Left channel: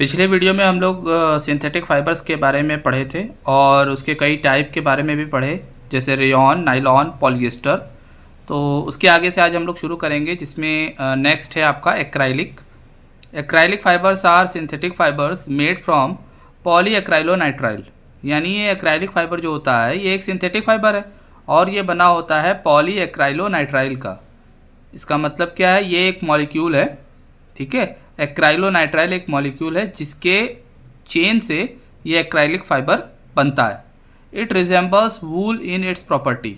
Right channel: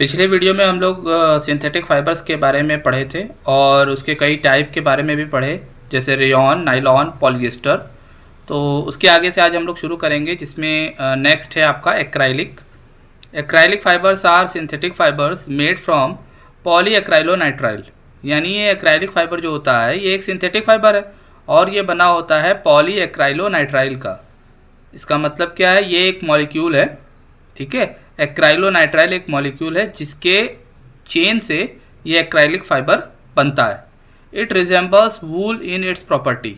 पिछले वीडियो में हम लोग सिंथेटिक फाइबर्स के बारे में पढ़े थे और उसके कई टाइप के बारे में भी पढ़े, जैसे रेयॉन, नायलॉन, पॉलिएस्टर। तो उसके आगे से आज हम लोग शुरू करेंगे, जिसमें नेक्स्ट है आपका acrylic. Acrylic fibres are synthetic fibres made from polyacrylonitrile. यानी ये एक्राइलिक फाइबर जो होता है ये एक सिंथेटिक फाइबर है और ये बना होता है पॉलीएक्राइलोनाइट्राइल का। इसका मतलब क्या है, ये एक मॉलिक्यूल है, ठीक है। एक्राइलोनाइट्राइल एक मॉलिक्यूल है जिसके चेन से ये एक्राइलिक फाइबर बनता है। It resembles wool in its property,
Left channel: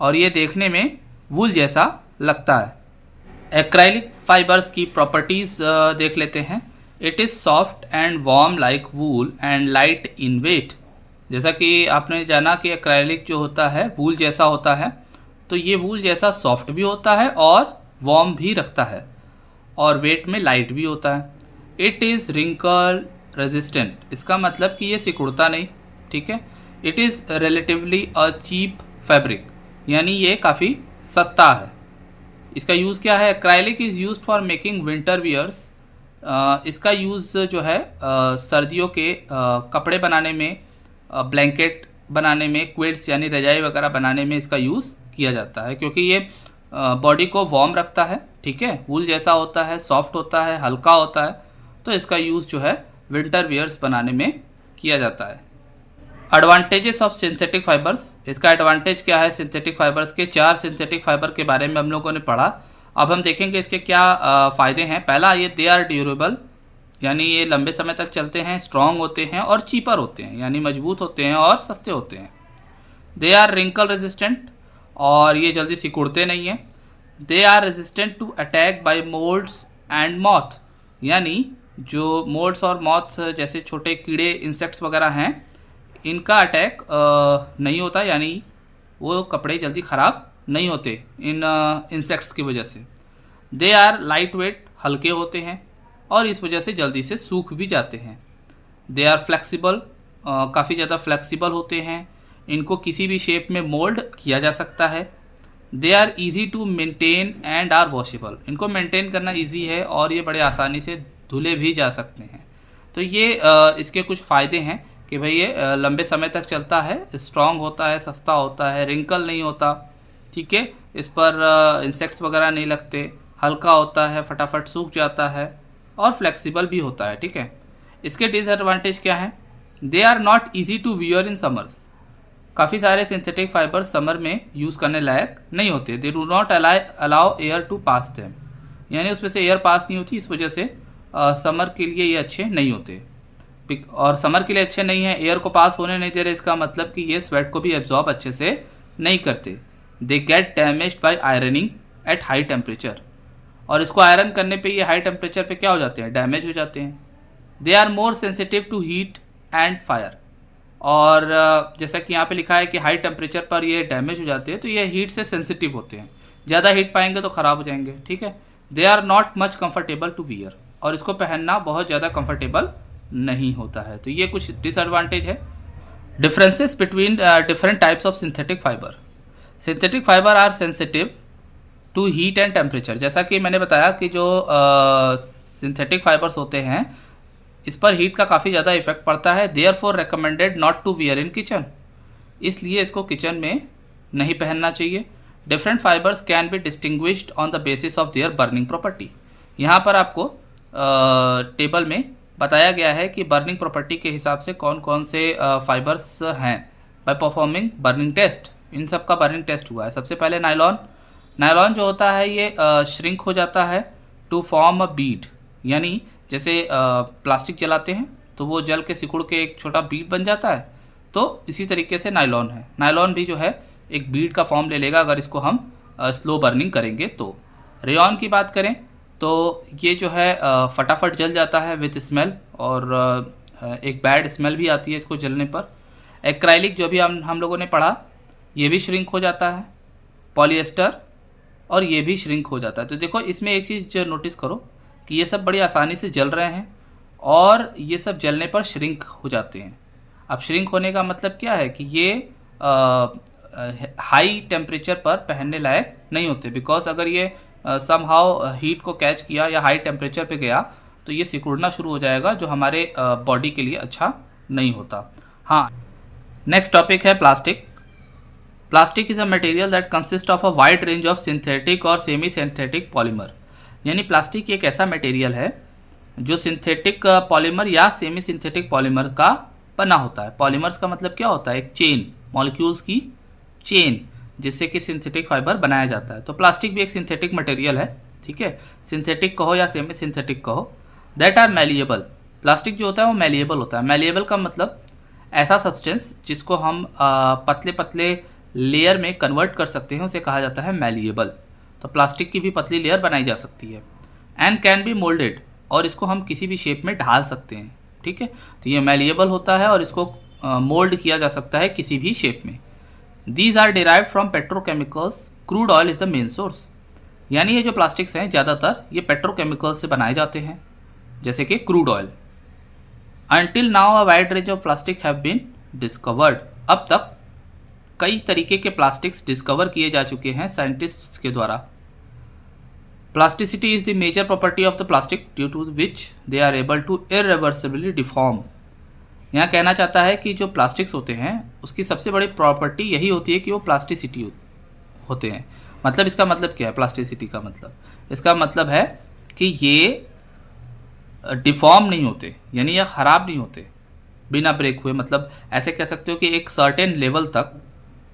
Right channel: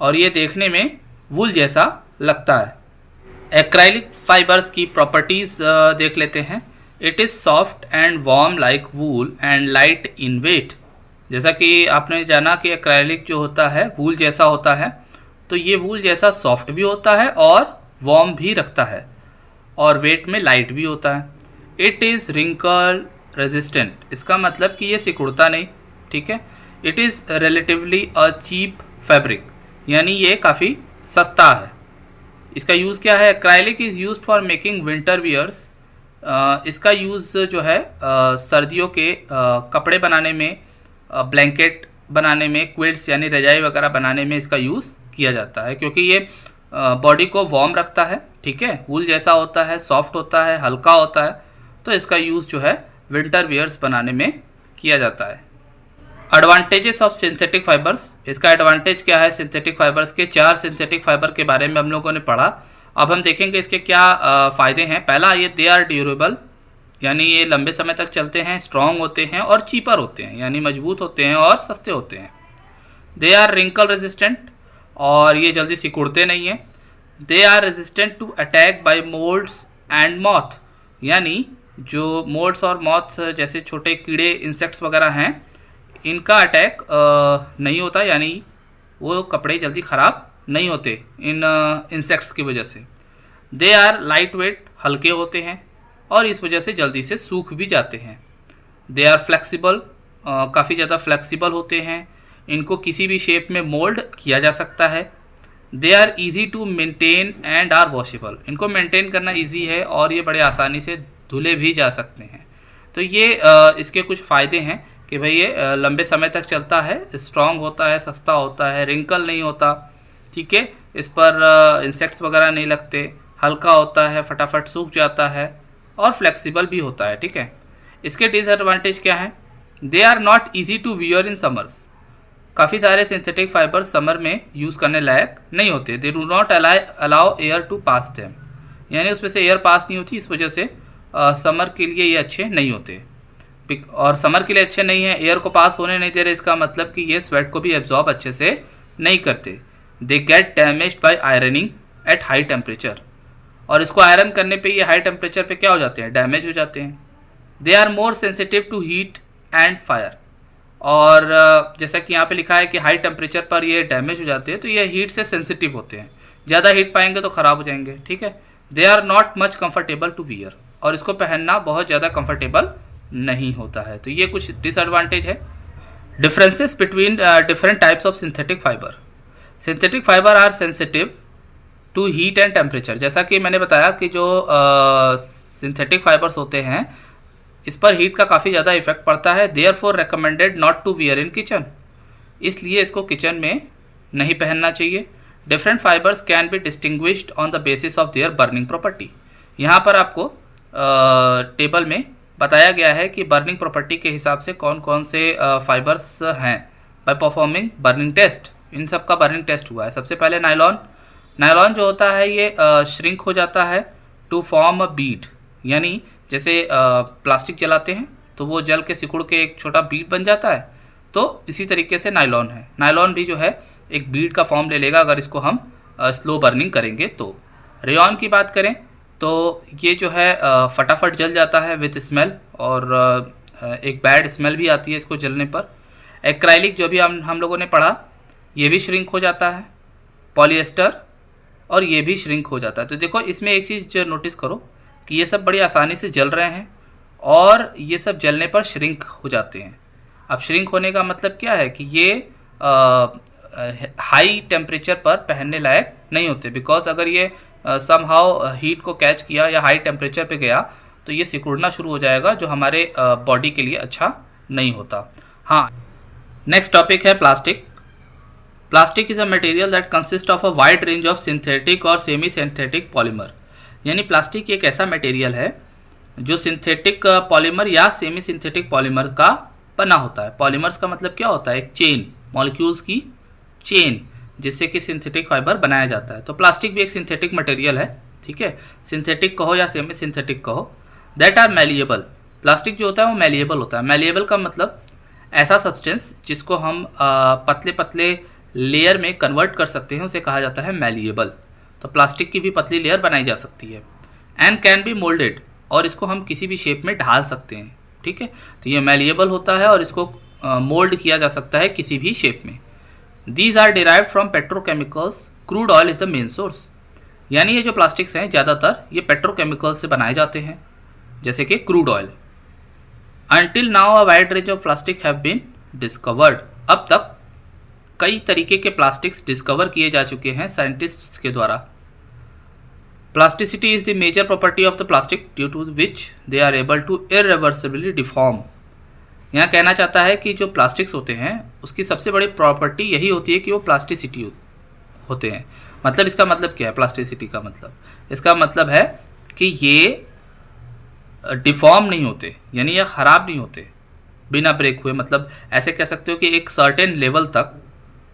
और ये देखने में वूल जैसा लगता है। एक्राइलिक फाइबर्स की प्रॉपर्टीज देख लेते हैं। It is soft and warm like wool and light in weight. जैसा कि आपने जाना कि एक्राइलिक जो होता है वूल जैसा होता है, तो ये वूल जैसा सॉफ्ट भी होता है और वार्म भी रखता है और वेट में लाइट भी होता है। इट इज़ रिंकल रेजिस्टेंट, इसका मतलब कि ये सिकुड़ता नहीं, ठीक है। It is relatively a cheap fabric, यानी ये काफ़ी सस्ता है। इसका यूज़ क्या है? Acrylic is use for making winter wears. इसका यूज़ जो है सर्दियों के कपड़े बनाने में, ब्लैंकेट बनाने में, क्विल्ट्स यानी रजाई वगैरह बनाने में इसका यूज़ किया जाता है, क्योंकि ये बॉडी को वार्म रखता है, ठीक है। वूल जैसा होता है, सॉफ्ट होता है, हल्का होता है, तो इसका यूज़ जो है विंटर वियर्स बनाने में किया जाता है। Advantages of synthetic fibres. इसका एडवांटेज क्या है? सिंथेटिक फाइबर्स के 4 सिंथेटिक फाइबर के बारे में हम लोगों ने पढ़ा। अब हम देखेंगे इसके क्या फ़ायदे हैं। पहला, ये दे आर ड्यूरेबल, यानी ये लंबे समय तक चलते हैं, स्ट्रॉन्ग होते हैं और चीपर होते हैं, यानी मजबूत होते हैं और सस्ते होते हैं। दे आर रिंकल रेजिस्टेंट, और ये जल्दी सिकुड़ते नहीं हैं। They are resistant to attack by moulds and moth, यानी जो मोल्ड्स और मॉथ जैसे छोटे कीड़े, इंसेक्ट्स वगैरह हैं, इनका अटैक नहीं होता, यानी वो कपड़े जल्दी ख़राब नहीं होते इन इंसेक्ट्स की वजह से। दे आर लाइट वेट, हल्के होते हैं और इस वजह से जल्दी से सूख भी जाते हैं। दे आर फ्लेक्सिबल, काफ़ी ज़्यादा फ्लेक्सिबल होते हैं, इनको किसी भी शेप में मोल्ड किया जा सकता है। They are easy to maintain and are washable, इनको मेंटेन करना ईजी है और ये बड़े आसानी से धुले भी जा सकते हैं। तो ये इसके कुछ फ़ायदे हैं कि भाई ये लंबे समय तक चलता है, स्ट्रॉन्ग होता है, सस्ता होता है, रिंकल नहीं होता, ठीक है। इस पर इंसेक्ट्स वगैरह नहीं लगते, हल्का होता है, फटाफट सूख जाता है और फ्लेक्सिबल भी होता है, ठीक है। इसके डिसएडवांटेज क्या हैं? They are not easy to wear in summers. काफ़ी सारे सिंथेटिक फाइबर समर में यूज़ करने लायक नहीं होते। They do not allow air to pass them, यानी उसमें से एयर पास नहीं होती, इस वजह से समर के लिए ये अच्छे नहीं होते। और समर के लिए अच्छे नहीं है, एयर को पास होने नहीं दे रहे, इसका मतलब कि ये स्वेट को भी एब्जॉर्ब अच्छे से नहीं करते। They get damaged bye ironing at high temperature, और इसको आयरन करने पे ये हाई टेम्परेचर पे क्या हो जाते हैं? डैमेज हो जाते हैं। They are more sensitive to heat and fire, और जैसा कि यहाँ पे लिखा है कि हाई टेम्परेचर पर ये डैमेज हो जाते हैं, तो ये हीट से सेंसिटिव होते हैं, ज़्यादा हीट पाएंगे तो ख़राब हो जाएंगे, ठीक है। They are not much comfortable to wear, और इसको पहनना बहुत ज़्यादा कंफर्टेबल नहीं होता है। तो ये कुछ डिसएडवांटेज है। Differences between different types of synthetic fibre. Synthetic fibre are sensitive to heat and temperature. जैसा कि मैंने बताया कि जो सिंथेटिक फाइबर्स होते हैं, इस पर हीट का काफ़ी ज़्यादा इफेक्ट पड़ता है। Therefore recommended not to wear in kitchen, इसलिए इसको किचन में नहीं पहनना चाहिए। Different fibres can be distinguished on the basis of their burning property. यहाँ पर आपको टेबल में बताया गया है कि बर्निंग प्रॉपर्टी के हिसाब से कौन कौन से फाइबर्स हैं। बाय परफॉर्मिंग बर्निंग टेस्ट, इन सब का बर्निंग टेस्ट हुआ है। सबसे पहले नायलॉन। नायलॉन जो होता है ये श्रिंक हो जाता है टू फॉर्म अ बीड, यानी जैसे प्लास्टिक जलाते हैं तो वो जल के सिकुड़ के एक छोटा बीड बन जाता है, तो इसी तरीके से नायलॉन है। नायलॉन भी जो है एक बीड का फॉर्म ले लेगा अगर इसको हम स्लो बर्निंग करेंगे तो। रेयॉन की बात करें तो ये जो है फटाफट जल जाता है विथ स्मेल, और एक बैड स्मेल भी आती है इसको जलने पर। एक्राइलिक जो भी हम लोगों ने पढ़ा, ये भी श्रिंक हो जाता है। पॉलिएस्टर, और ये भी श्रिंक हो जाता है। तो देखो इसमें एक चीज़ नोटिस करो कि ये सब बड़ी आसानी से जल रहे हैं और ये सब जलने पर श्रिंक हो जाते हैं। अब श्रिंक होने का मतलब क्या है कि ये हाई टेम्परेचर पर पहनने लायक नहीं होते, बिकॉज अगर ये समहाउ हीट को कैच किया या हाई टेम्परेचर पे गया तो ये सिकुड़ना शुरू हो जाएगा, जो हमारे बॉडी के लिए अच्छा नहीं होता। हाँ, नेक्स्ट टॉपिक है plastic. Plastic is a material that consist of a wide range of synthetic और सेमी सिंथेटिक पॉलीमर। यानी प्लास्टिक एक ऐसा मटेरियल है जो सिंथेटिक पॉलीमर या सेमी सिंथेटिक पॉलीमर का बना होता है। पॉलीमर्स का मतलब क्या होता है? एक चेन, मॉलिक्यूल्स की चेन, जिससे कि सिंथेटिक फाइबर बनाया जाता है। तो प्लास्टिक भी एक सिंथेटिक मटेरियल है, ठीक है, सिंथेटिक कहो या सेमी सिंथेटिक कहो, दैट आर मैलिएबल। प्लास्टिक जो होता है वो मैलिएबल होता है। मैलिएबल का मतलब ऐसा सब्सटेंस जिसको हम पतले पतले लेयर में कन्वर्ट कर सकते हैं, उसे कहा जाता है मैलिएबल। तो प्लास्टिक की भी पतली लेयर बनाई जा सकती है। एंड कैन बी मोल्डेड, और इसको हम किसी भी शेप में ढाल सकते हैं, ठीक है। तो ये मैलिएबल होता है और इसको मोल्ड किया जा सकता है किसी भी शेप में। These are derived from petrochemicals, crude oil is the main source. यानी ये जो प्लास्टिक्स हैं ज़्यादातर ये पेट्रोकेमिकल्स से बनाए जाते हैं, जैसे कि crude oil. Until now a wide range of plastic have been discovered. अब तक कई तरीके के प्लास्टिक्स डिस्कवर किए जा चुके हैं साइंटिस्ट्स के द्वारा। Plasticity is the major property of the plastic due to which they are able to irreversibly deform. यहाँ कहना चाहता है कि जो प्लास्टिक्स होते हैं उसकी सबसे बड़ी प्रॉपर्टी यही होती है कि वो प्लास्टिसिटी होते हैं। मतलब इसका मतलब क्या है प्लास्टिसिटी का मतलब? इसका मतलब है कि ये डिफॉर्म नहीं होते, यानी ये ख़राब नहीं होते बिना ब्रेक हुए। मतलब ऐसे कह सकते हो कि एक सर्टेन लेवल तक,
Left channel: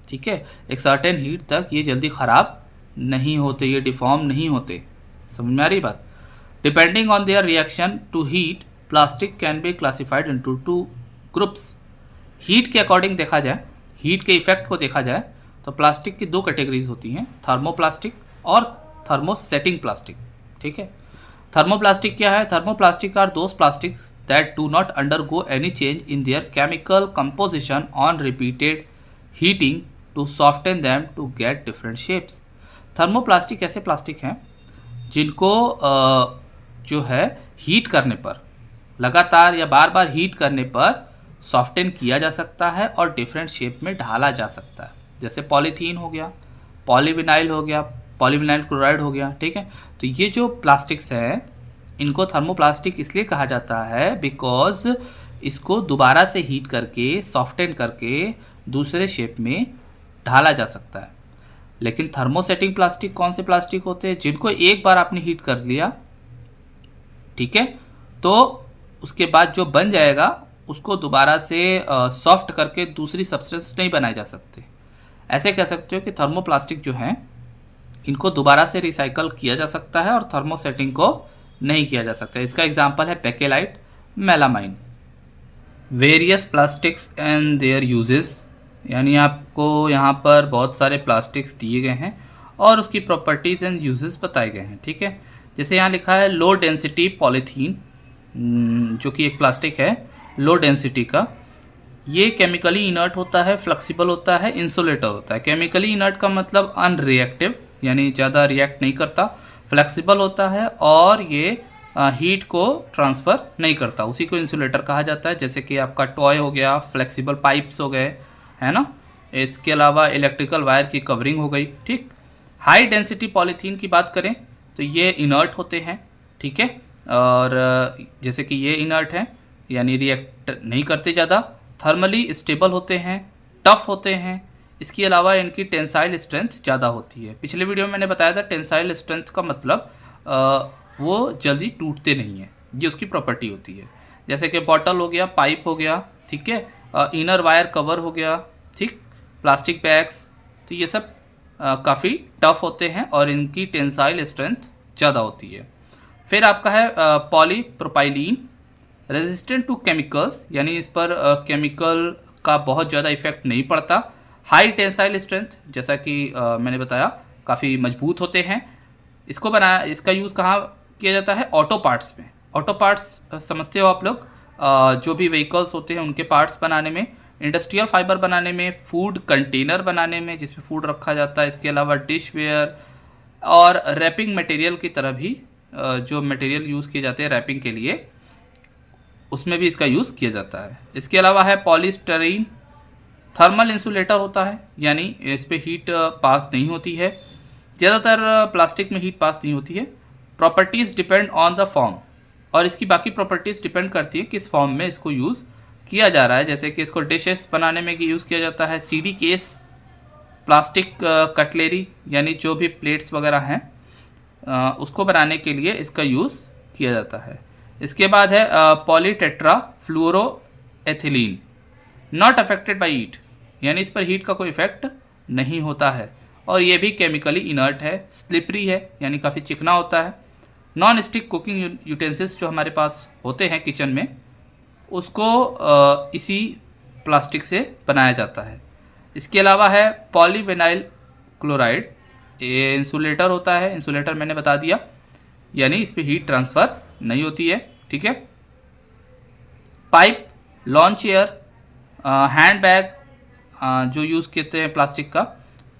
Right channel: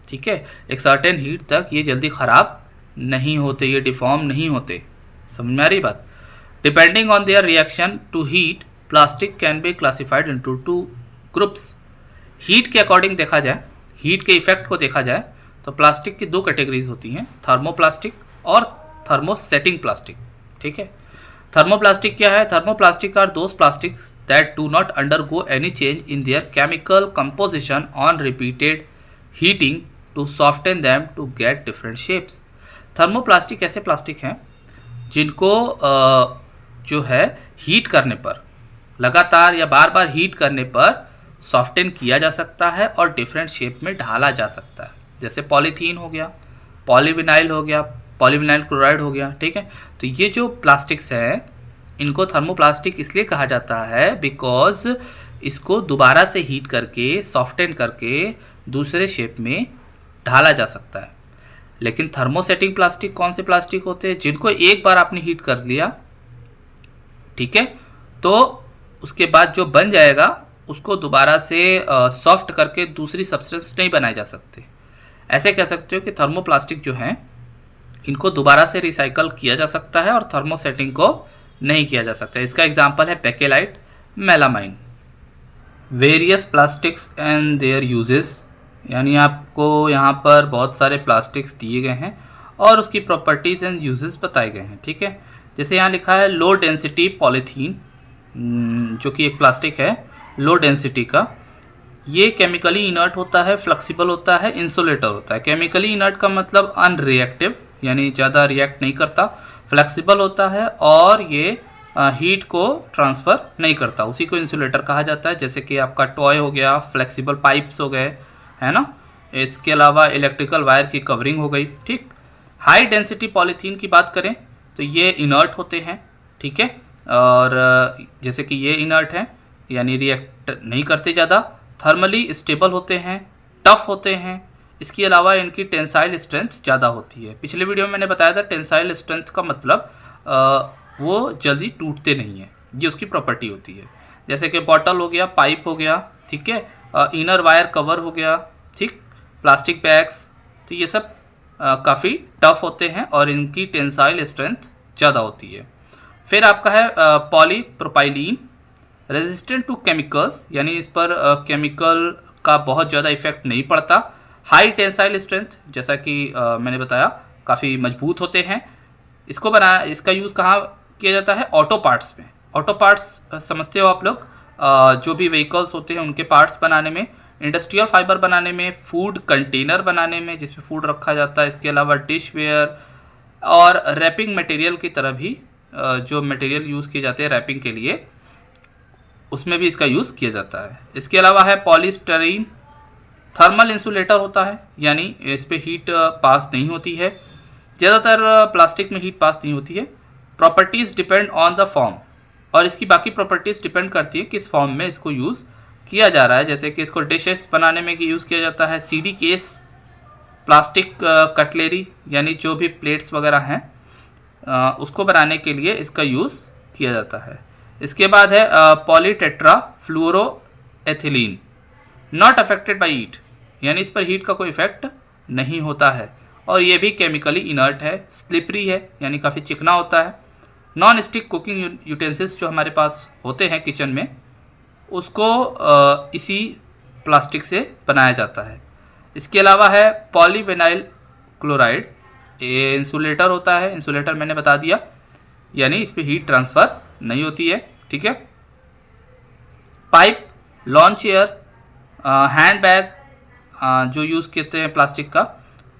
ठीक है, एक सर्टेन हीट तक ये जल्दी ख़राब नहीं होते, ये डिफॉर्म नहीं होते। समझ में आ रही बात? Depending on their reaction to heat, plastic can be classified into 2 groups. Heat के अकॉर्डिंग देखा जाए, हीट के इफेक्ट को देखा जाए, तो प्लास्टिक की 2 कैटेगरीज होती हैं, थर्मोप्लास्टिक और थर्मोसेटिंग प्लास्टिक, ठीक है। थर्मोप्लास्टिक क्या है? Thermoplastic are those plastics that do not undergo any change in their chemical composition on repeated heating to soften them to get different shapes. Thermoplastic ऐसे plastic हैं जिनको जो है हीट करने पर, लगातार या बार बार हीट करने पर सॉफ्टन किया जा सकता है और डिफरेंट शेप में ढाला जा सकता है। जैसे पॉलीथीन हो गया, पॉलीविनाइल हो गया, पॉलीविनाइल क्लोराइड हो गया, ठीक है। तो ये जो प्लास्टिक्स हैं इनको थर्मोप्लास्टिक इसलिए कहा जाता है बिकॉज इसको दोबारा से हीट करके, सॉफ्टन करके दूसरे शेप में ढाला जा सकता है। लेकिन थर्मोसेटिंग प्लास्टिक कौन से प्लास्टिक होते हैं? जिनको एक बार आपने हीट कर लिया, ठीक है, तो उसके बाद जो बन जाएगा उसको दोबारा से सॉफ्ट करके दूसरी सब्सटेंस नहीं बनाए जा सकते। ऐसे कह सकते हो कि थर्मोप्लास्टिक जो हैं इनको दोबारा से रिसाइकल किया जा सकता है और थर्मोसेटिंग को नहीं किया जा सकता। इसका एग्जांपल है bakelite, melamine. Various plastics and there uses, यानी आपको यहाँ पर बहुत सारे प्लास्टिक्स दिए गए हैं और उसकी प्रॉपर्टीज़ एंड यूजेस बताए गए हैं, ठीक है। जैसे यहाँ लिखा है लो डेंसिटी पॉलीथीन, जो कि एक प्लास्टिक है लो डेंसिटी का। ये केमिकली इनर्ट होता है, फ्लेक्सिबल होता है, इंसुलेटर होता है। केमिकली इनर्ट का मतलब अनरिएक्टिव, यानी ज़्यादा रिएक्ट नहीं करता, फ्लेक्सिबल होता है और ये हीट को ट्रांसफ़र नहीं करता, उसी को इंसुलेटर कहा जाता है। जैसे कि आपका टॉय हो गया, फ्लेक्सिबल पाइप्स हो गए, है ना। इसके अलावा इलेक्ट्रिकल वायर की कवरिंग हो गई, ठीक। हाई डेंसिटी पॉलीथीन की बात करें तो ये इनर्ट होते हैं, ठीक है, और जैसे कि ये इनर्ट है यानी रिएक्ट नहीं करते ज़्यादा, थर्मली स्टेबल होते हैं, टफ होते हैं। इसके अलावा इनकी टेंसाइल स्ट्रेंथ ज़्यादा होती है। पिछले वीडियो में मैंने बताया था टेंसाइल स्ट्रेंथ का मतलब वो जल्दी टूटते नहीं है, ये उसकी प्रॉपर्टी होती है। जैसे कि बॉटल हो गया, पाइप हो गया, ठीक है, इनर वायर कवर हो गया, ठीक, प्लास्टिक बैग्स, तो ये सब काफ़ी टफ होते हैं और इनकी टेंसाइल स्ट्रेंथ ज़्यादा होती है। फिर आपका है पॉलीप्रोपाइलीन, रेजिस्टेंट टू केमिकल्स, यानी इस पर केमिकल का बहुत ज़्यादा इफेक्ट नहीं पड़ता। हाई टेंसाइल स्ट्रेंथ, जैसा कि मैंने बताया, काफ़ी मजबूत होते हैं। इसका यूज़ कहाँ किया जाता है? ऑटो पार्ट्स में। ऑटो पार्ट्स समझते हो आप लोग, जो भी व्हीकल्स होते हैं उनके पार्ट्स बनाने में, इंडस्ट्रियल फाइबर बनाने में, फूड कंटेनर बनाने में जिसमें फूड रखा जाता है, इसके अलावा डिश वेयर और रैपिंग मटेरियल की तरह भी जो मटेरियल यूज़ किए जाते हैं रैपिंग के लिए, उसमें भी इसका यूज़ किया जाता है। इसके अलावा है पॉलीस्टरीन, थर्मल इंसुलेटर होता है, यानी इस पर हीट पास नहीं होती है। ज़्यादातर प्लास्टिक में हीट पास नहीं होती है। Properties depend on the form, और इसकी बाकी प्रॉपर्टीज़ डिपेंड करती है किस फॉर्म में इसको यूज़ किया जा रहा है। जैसे कि इसको डिशेस बनाने में यूज़ किया जाता है, सीडी केस, प्लास्टिक कटलेरी यानी जो भी प्लेट्स वगैरह हैं उसको बनाने के लिए इसका यूज़ किया जाता है। इसके बाद है polytetra फ्लोरोएथिलीन, not affected by heat, यानी इस पर हीट का कोई इफेक्ट नहीं होता है और ये भी केमिकली इनर्ट है, स्लिपरी है यानी काफ़ी चिकना होता है। नॉन स्टिक कुकिंग यूटेंसिल्स जो हमारे पास होते हैं किचन में, उसको इसी प्लास्टिक से बनाया जाता है। इसके अलावा है पॉलीविनाइल क्लोराइड, ये इंसुलेटर होता है, इंसुलेटर मैंने बता दिया, यानी इस पर हीट ट्रांसफ़र नहीं होती है। ठीक है। Pipe, lawn chair, hand bag जो यूज़ करते हैं प्लास्टिक का,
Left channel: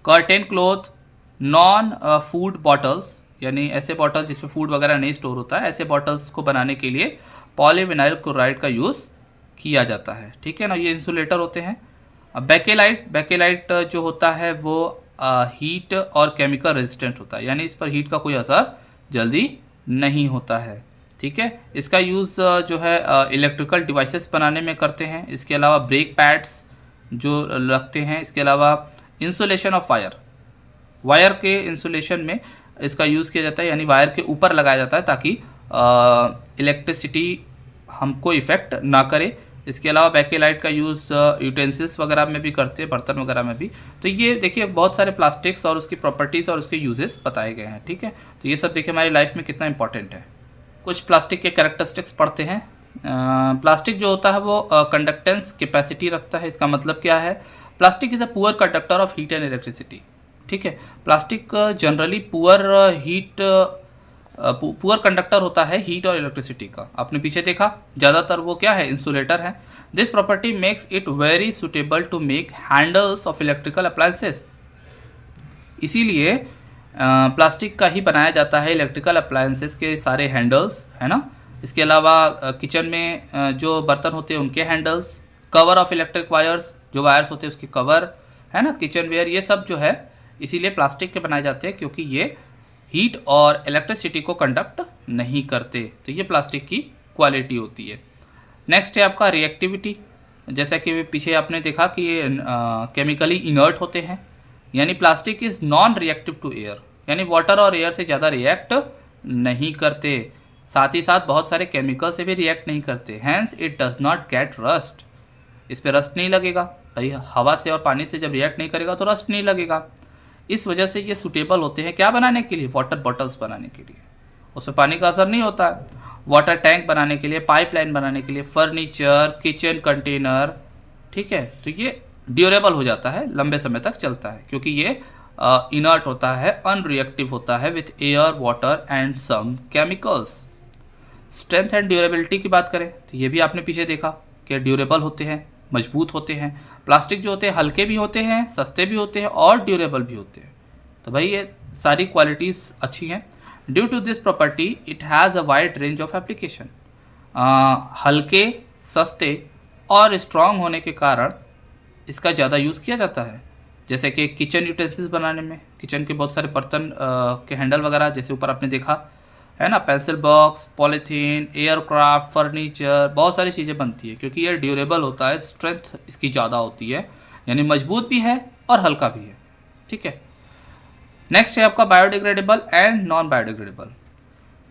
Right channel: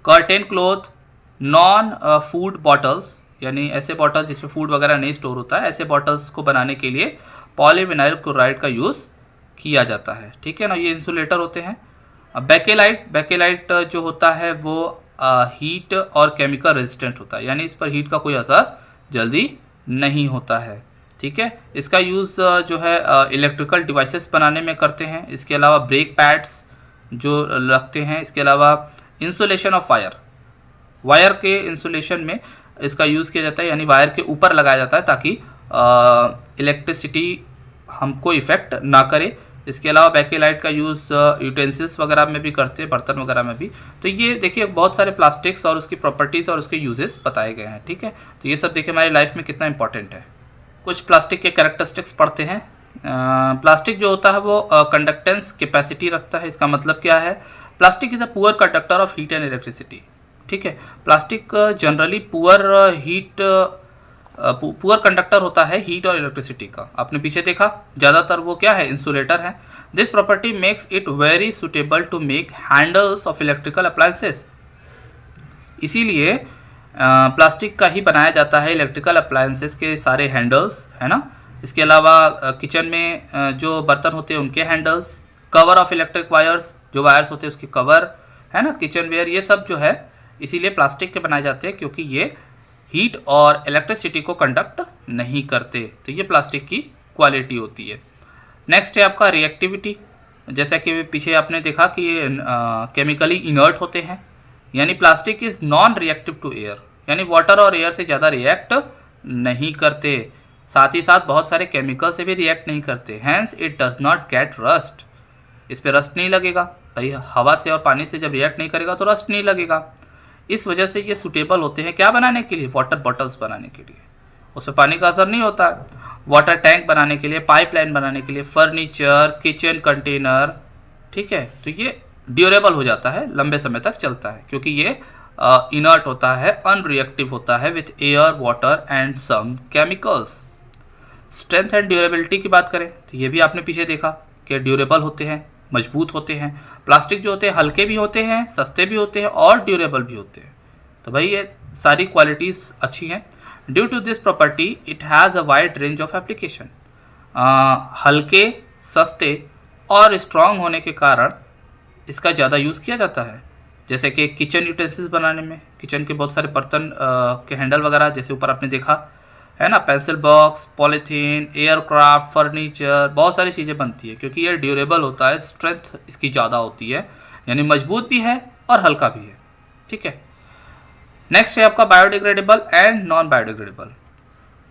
curtain cloth, non food bottles यानी ऐसे बॉटल जिसमें फूड वगैरह नहीं स्टोर होता है, ऐसे बॉटल्स को बनाने के लिए पॉलीविनाइल क्लोराइड का यूज़ किया जाता है। ठीक है ना, ये इंसुलेटर होते हैं। बैकेलाइट जो होता है वो हीट और केमिकल रेजिस्टेंट होता है, यानी इस पर हीट का कोई असर जल्दी नहीं होता है। ठीक है। इसका यूज़ जो है इलेक्ट्रिकल डिवाइसेस बनाने में करते हैं। इसके अलावा ब्रेक पैड्स जो लगते हैं। इसके अलावा इंसुलेशन ऑफ वायर के इंसुलेशन में इसका यूज़ किया जाता है, यानी वायर के ऊपर लगाया जाता है ताकि इलेक्ट्रिसिटी हमको इफेक्ट ना करे। इसके अलावा बैकेलाइट का यूज़ यूटेंसिल्स वगैरह में भी करते हैं, बर्तन वगैरह में भी। तो ये देखिए बहुत सारे प्लास्टिक्स और उसकी प्रॉपर्टीज़ और उसके यूजेस बताए गए हैं। ठीक है। तो ये सब देखिए हमारी लाइफ में कितना इंपॉर्टेंट है। कुछ प्लास्टिक के कैरेक्टरिस्टिक्स पढ़ते हैं। प्लास्टिक जो होता है वो कंडक्टेंस कैपेसिटी रखता है। इसका मतलब क्या है? Plastic is a poor conductor of heat and electricity. ठीक है। प्लास्टिक जनरली पुअर कंडक्टर होता है हीट और इलेक्ट्रिसिटी का। आपने पीछे देखा ज़्यादातर वो क्या है, इंसुलेटर है। This property makes it very suitable to make handles of electrical appliances. इसीलिए प्लास्टिक का ही बनाया जाता है इलेक्ट्रिकल अप्लायंसेस के सारे हैंडल्स, है ना। इसके अलावा किचन में जो बर्तन होते हैं उनके handles, cover of electric wires, जो वायर्स होते हैं उसके कवर, है ना, किचन वेयर, ये सब जो है इसीलिए प्लास्टिक के बनाए जाते हैं क्योंकि ये हीट और इलेक्ट्रिसिटी को कंडक्ट नहीं करते। तो ये प्लास्टिक की क्वालिटी होती है। नेक्स्ट है आपका रिएक्टिविटी। जैसा कि पीछे आपने देखा कि ये केमिकली इनर्ट होते हैं, यानी plastic is non reactive to air, यानी वाटर और एयर से ज़्यादा रिएक्ट नहीं करते। साथ ही साथ बहुत सारे केमिकल से भी रिएक्ट नहीं करते। Hence it does not get rust. इस पर रस्ट नहीं लगेगा भाई, हवा से और पानी से जब रिएक्ट नहीं करेगा तो रस्ट नहीं लगेगा। इस वजह से ये सूटेबल होते हैं क्या बनाने के लिए? वाटर बॉटल्स बनाने के लिए। उसमें पानी का असर नहीं होता है। वाटर टैंक बनाने के लिए, पाइपलाइन बनाने के लिए, फर्नीचर, किचन कंटेनर। ठीक है। तो ये ड्यूरेबल हो जाता है, लंबे समय तक चलता है क्योंकि ये इनर्ट होता है, अनरिएक्टिव होता है with air, water and some chemicals. Strength and durability की बात करें तो ये भी आपने पीछे देखा कि ड्यूरेबल होते हैं, मजबूत होते हैं। प्लास्टिक जो होते हैं हल्के भी होते हैं, सस्ते भी होते हैं और ड्यूरेबल भी होते हैं। तो भाई ये सारी क्वालिटीज़ अच्छी हैं। Due to this property it has a wide range of application. हल्के, सस्ते और स्ट्रॉन्ग होने के कारण इसका ज़्यादा यूज़ किया जाता है। जैसे कि किचन यूटेंसिल्स बनाने में, किचन के बहुत सारे बर्तन के हैंडल वगैरह, जैसे ऊपर आपने देखा है ना, pencil box, polythene, aircraft, furniture, बहुत सारी चीज़ें बनती है क्योंकि ये ड्यूरेबल होता है, स्ट्रेंथ इसकी ज़्यादा होती है, यानी मजबूत भी है और हल्का भी है। ठीक है। नेक्स्ट है आपका biodegradable and non biodegradable.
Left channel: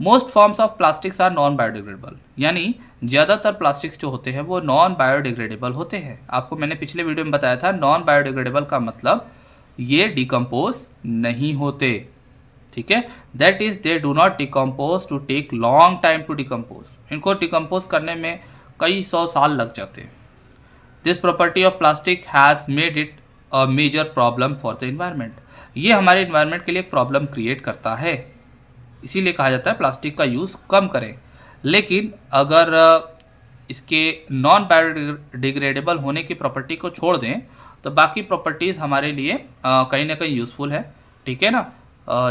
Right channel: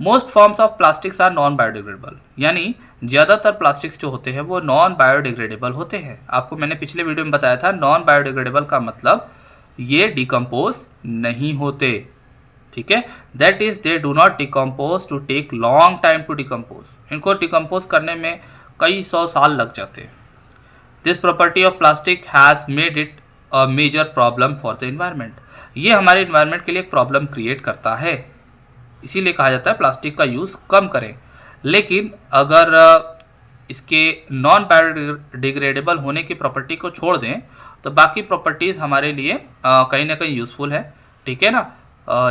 Most forms of plastics are non biodegradable, यानी ज़्यादातर प्लास्टिक्स जो होते हैं वो नॉन बायोडिग्रेडेबल होते हैं। आपको मैंने पिछले वीडियो में बताया था नॉन बायोडिग्रेडेबल का मतलब ये डिकम्पोज नहीं होते। ठीक है। That is they do not decompose to take long time to decompose. इनको डिकम्पोज करने में कई 100 साल लग जाते हैं। This property of plastic has made it a major problem for the environment. ये हमारे इन्वायरमेंट के लिए एक प्रॉब्लम क्रिएट करता है, इसीलिए कहा जाता है प्लास्टिक का यूज़ कम करें। लेकिन अगर इसके नॉन बायोडिग्रेडेबल होने की प्रॉपर्टी को छोड़ दें तो बाकी प्रॉपर्टीज़ हमारे लिए कहीं ना कहीं यूज़फुल है। ठीक है ना।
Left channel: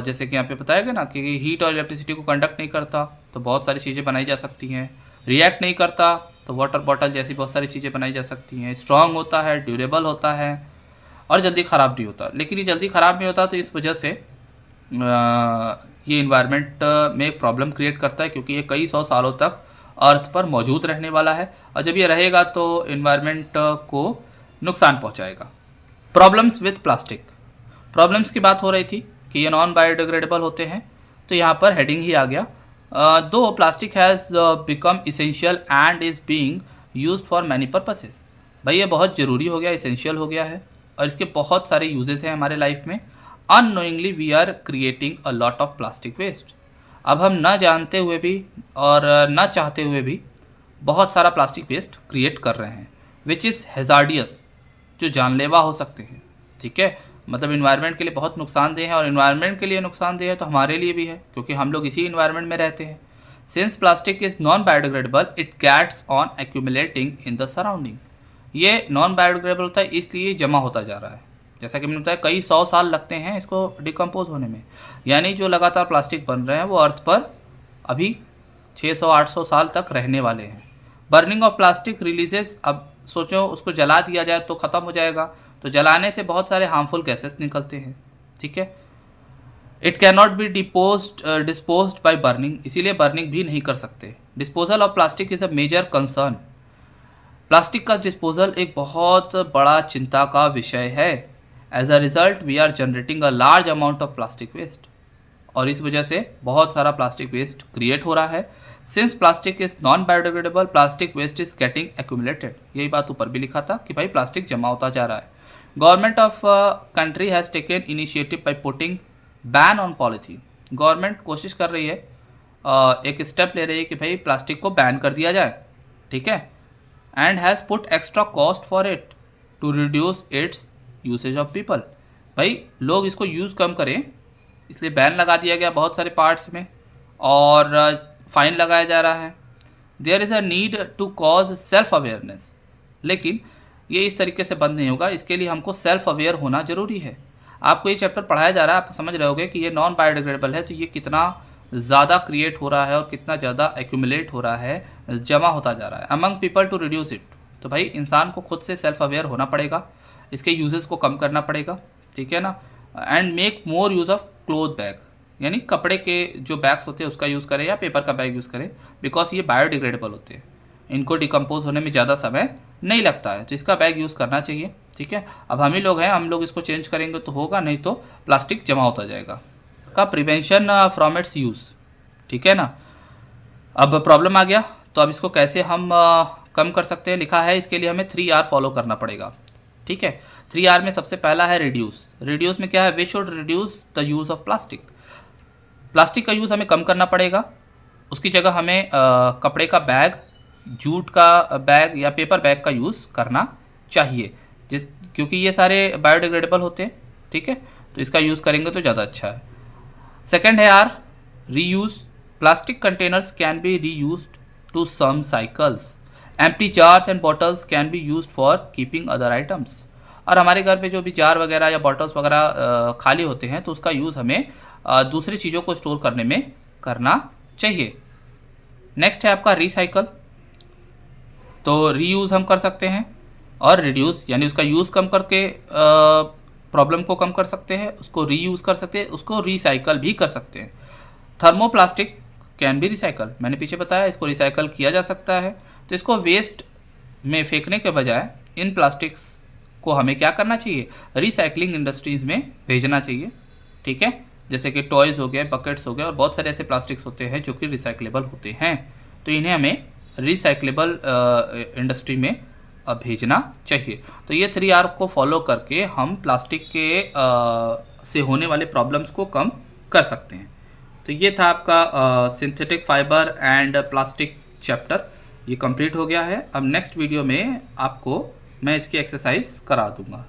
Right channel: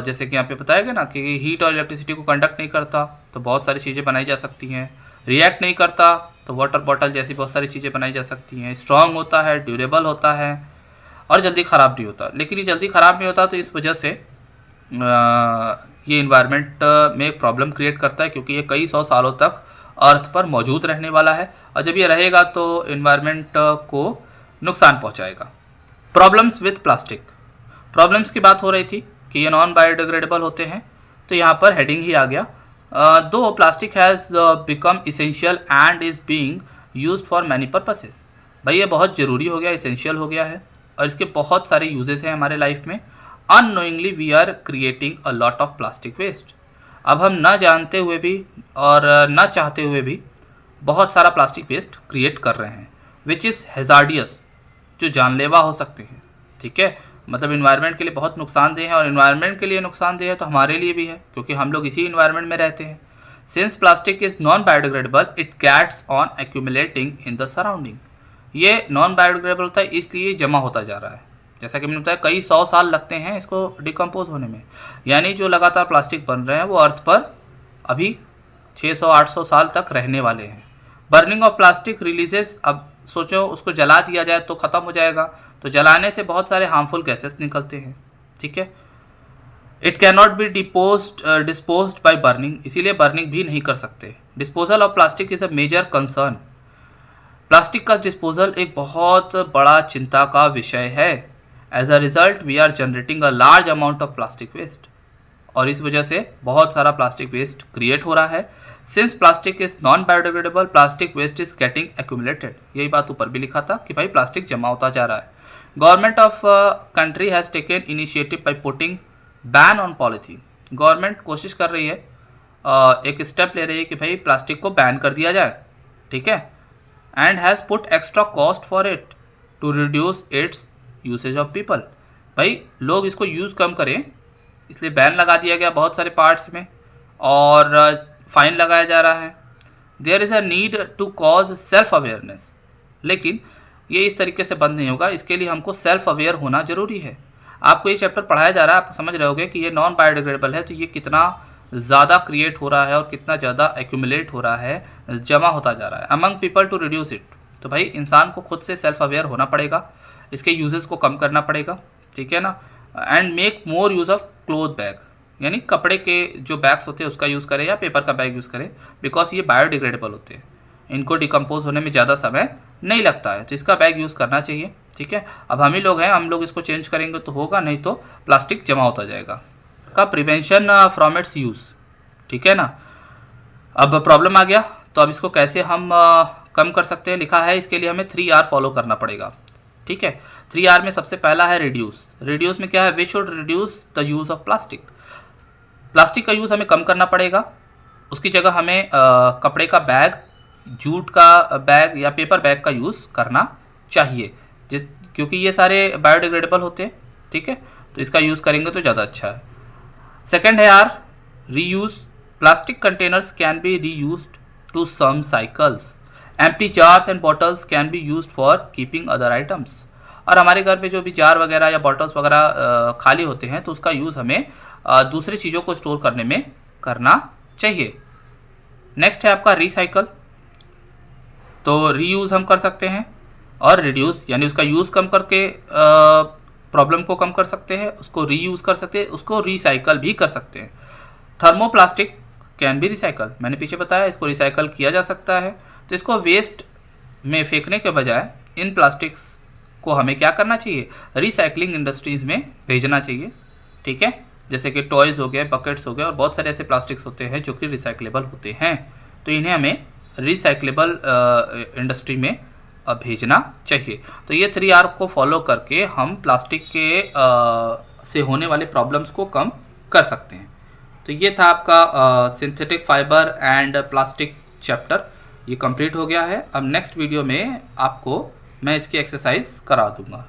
जैसे कि यहाँ पे बताया गया ना कि हीट और इलेक्ट्रिसिटी को कंडक्ट नहीं करता तो बहुत सारी चीज़ें बनाई जा सकती हैं। रिएक्ट नहीं करता तो वाटर बॉटल जैसी बहुत सारी चीज़ें बनाई जा सकती हैं। स्ट्रॉन्ग होता है, ड्यूरेबल होता है और जल्दी ख़राब नहीं होता। लेकिन ये जल्दी ख़राब नहीं होता तो इस वजह से ये इन्वायरमेंट में प्रॉब्लम क्रिएट करता है, क्योंकि ये कई सौ सालों तक अर्थ पर मौजूद रहने वाला है, और जब ये रहेगा तो इन्वायरमेंट को नुकसान पहुंचाएगा। Problems with plastic. प्रॉब्लम्स की बात हो रही थी कि ये नॉन बायोडिग्रेडेबल होते हैं, तो यहाँ पर हेडिंग ही आ गया, दो plastic has become essential and is being used for many purposes. भाई ये बहुत ज़रूरी हो गया, इसेंशियल हो गया है, और इसके बहुत सारे यूजेस हैं हमारे लाइफ में। Unknowingly we are creating a lot of plastic waste. अब हम ना जानते हुए भी और ना चाहते हुए भी बहुत सारा प्लास्टिक वेस्ट क्रिएट कर रहे हैं, विच इज़ हैज़ार्डियस, जो जानलेवा हो सकते हैं। ठीक है, मतलब इन्वायरमेंट के लिए बहुत नुकसानदेह है, और इन्वायरमेंट के लिए नुकसानदेह है तो हमारे लिए भी है, क्योंकि हम लोग इसी इन्वायरमेंट में रहते हैं। Since plastic is non biodegradable it gets on accumulating in the surrounding. ये नॉन बायोडिग्रेडेबल होता है, इसलिए जमा होता जा रहा है। जैसा कि मैंने बताया, कई सौ साल लगते हैं इसको डिकम्पोज होने में, यानी जो लगातार प्लास्टिक बन रहे हैं वो अर्थ पर अभी 600-800 साल तक रहने वाले हैं। बर्निंग ऑफ प्लास्टिक रिलीजेस, अब सोचो उसको जला दिया जाए तो ख़त्म हो जाएगा, तो जलाने से बहुत सारे हार्मफुल गैसेस निकलते हैं। ठीक है, it can not be disposed by burning, इसीलिए बर्निंग भी नहीं कर सकते। Disposal of plastic is a major concern. Plastic का डिस्पोजल एक बहुत बड़ा चिंता का विषय है। As a result we are generating a large amount of plastic waste, और इस वजह से बहुत सारा प्लास्टिक वेस्ट क्रिएट हो रहा है। Since plastic is non biodegradable plastic waste is getting accumulated, यही बात ऊपर भी लिखा था कि भाई प्लास्टिक जमा होता जा रहा है। Government of country has taken initiative by putting ban on polythene. Government कोशिश कर रही है, एक स्टेप ले रही है कि भाई प्लास्टिक को बैन कर दिया जाए। ठीक है, and has put extra cost for it to reduce its usage of people. भाई लोग इसको यूज़ कम करें, इसलिए बैन लगा दिया गया बहुत सारे पार्ट्स में, और फाइन लगाया जा रहा है। There is a need to cause self awareness, लेकिन ये इस तरीके से बंद नहीं होगा, इसके लिए हमको सेल्फ अवेयर होना जरूरी है। आपको ये चैप्टर पढ़ाया जा रहा है, आप समझ रहे होगे कि ये नॉन बायोडिग्रेडेबल है, तो ये कितना ज़्यादा क्रिएट हो रहा है और कितना ज़्यादा एक्यूमुलेट हो रहा है, जमा होता जा रहा है among people to reduce it. तो भाई इंसान को खुद से सेल्फ अवेयर होना पड़ेगा, इसके यूजेस को कम करना पड़ेगा। ठीक है ना, and make more use of cloth bag, यानी कपड़े के जो बैग्स होते हैं उसका यूज़ करें या पेपर का बैग यूज़ करें, बिकॉज ये बायोडिग्रेडेबल होते हैं, इनको डिकम्पोज होने में ज़्यादा समय नहीं लगता है, तो इसका बैग यूज़ करना चाहिए। ठीक है, अब हम ही लोग हैं, हम लोग इसको चेंज करेंगे तो होगा, नहीं तो प्लास्टिक जमा होता जाएगा। का प्रिवेंशन फ्रॉम इट्स यूज़। ठीक है ना, अब प्रॉब्लम आ गया, तो अब इसको कैसे हम कम कर सकते हैं, लिखा है इसके लिए हमें 3R फॉलो करना पड़ेगा। ठीक है, 3R में सबसे पहला है रिड्यूस। रिड्यूस में क्या है, we should reduce the use of plastic. Plastic का यूज़ हमें कम करना पड़ेगा, उसकी जगह हमें कपड़े का बैग, जूट का बैग या पेपर बैग का यूज़ करना चाहिए, क्योंकि ये सारे बायोडिग्रेडेबल होते हैं। ठीक है, तो इसका यूज़ करेंगे तो ज़्यादा अच्छा है। सेकेंड है R, reuse. Plastic containers can be reused to some cycles. Empty jars and bottles can be used for keeping other items. और हमारे घर में जो भी जार वगैरह या बॉटल्स वगैरह खाली होते हैं, तो उसका यूज़ हमें दूसरी चीज़ों को स्टोर करने में करना चाहिए। नेक्स्ट है आपका रिसाइकल। तो रीयूज़ हम कर सकते हैं, और रिड्यूस यानी उसका यूज़ कम करके प्रॉब्लम को कम कर सकते हैं, उसको रीयूज़ कर सकते हैं, उसको रिसाइकल भी कर सकते हैं। थर्मोप्लास्टिक कैन बी रिसाइकल, मैंने पीछे बताया इसको रिसाइकल किया जा सकता है। तो इसको वेस्ट में फेंकने के बजाय इन प्लास्टिक्स को हमें क्या करना चाहिए, रिसाइकलिंग इंडस्ट्रीज़ में भेजना चाहिए। ठीक है, जैसे कि टॉयज़ हो गए, बकेट्स हो गए, और बहुत सारे ऐसे प्लास्टिक्स होते हैं जो कि रिसाइकलेबल होते हैं, तो इन्हें हमें रिसाइकलेबल इंडस्ट्री में भेजना चाहिए। तो ये 3R को फॉलो करके हम प्लास्टिक के से होने वाले प्रॉब्लम्स को कम कर सकते हैं। तो ये था आपका synthetic fibre and plastic chapter, ये कंप्लीट हो गया है। अब नेक्स्ट वीडियो में आपको मैं इसकी एक्सरसाइज करा दूंगा।